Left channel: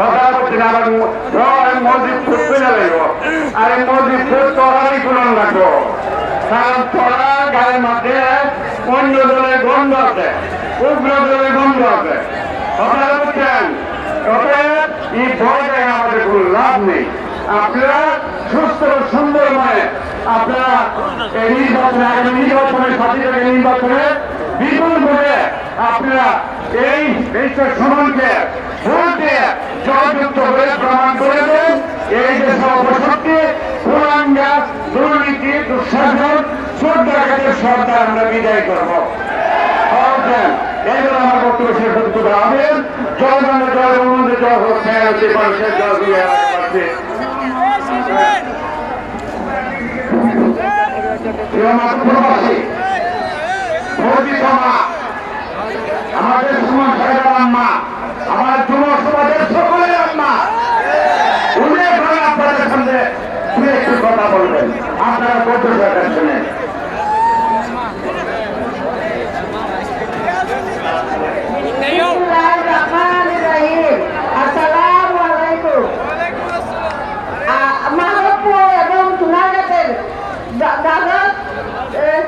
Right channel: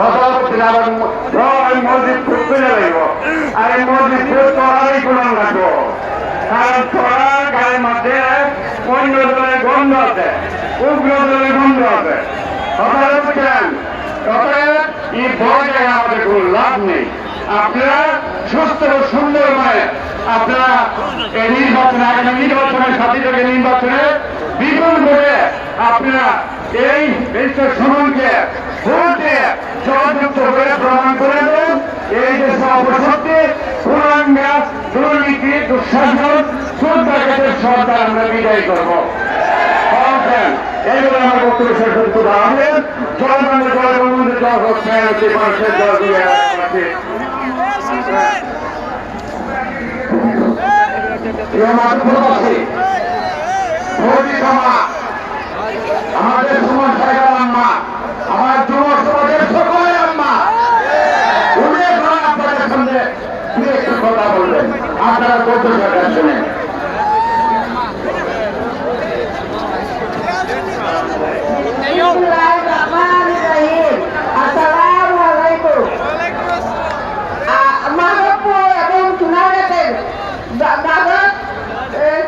কথা বলতে আবার মসজিদ করতে যাইব আর এই মসজিদ তোরাই কোরআন রাখবো কারণ তোরা গায়ের মাঠে অন্য দলের গন্ধ আছে উগ্র দলের গন্ধ আছে কথাটা বুঝছেন এই বড় জায়গায় আমাদের কোনো লাভ নেই আপনারা সুস্থ সুন্দরময় আপনারা এই নির্বাচনে আগামী নির্বাচনের সাথে থেকে নির্বাচনে বিপুল করে আপনারা এই দেশের সমানকে ভোটে জয়যুক্ত করে প্রমাণ করে দেন এই দেশের অপশক্তি পুরাঙ্গা দুর্নীতি দুঃশাসন শ্রদ্ধাকে সরকার আমরা বিদায় করবো এই জন্য আমার বক্তব্য শেষ করতে হবে জনগণের দল অনুমোদিত দল হচ্ছে মানুষের দল দিয়ে আছে আমাদের সমস্যা আম্মা আমার যুব সমাজের সকলের আম্মা উল্লেখ আপনাদের সঙ্গে একটু কথা বলবেন আপনারা বক্তব্য শুনে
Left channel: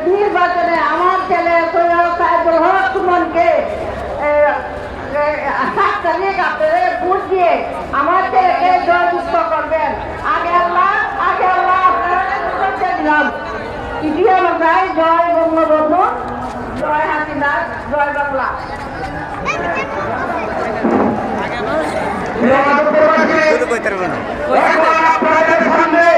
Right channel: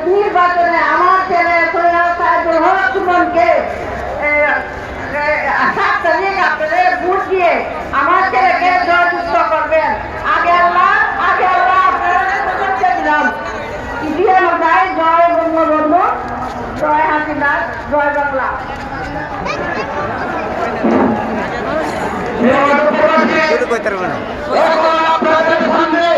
নির্বাচনে আমার ছেলে সুমনকে 7 তারিখ আপনাদের ভোট দিয়ে আমার ছেলেকে জয়যুক্ত করবেন আগে আল্লাহ আপনারা দিলাম ইতিহাস নাই জয় বঙ্গবন্ধু জয় হাসিনা জয় বাংলা শুরু করতে পারবো না। এখন আপনাদের সামনে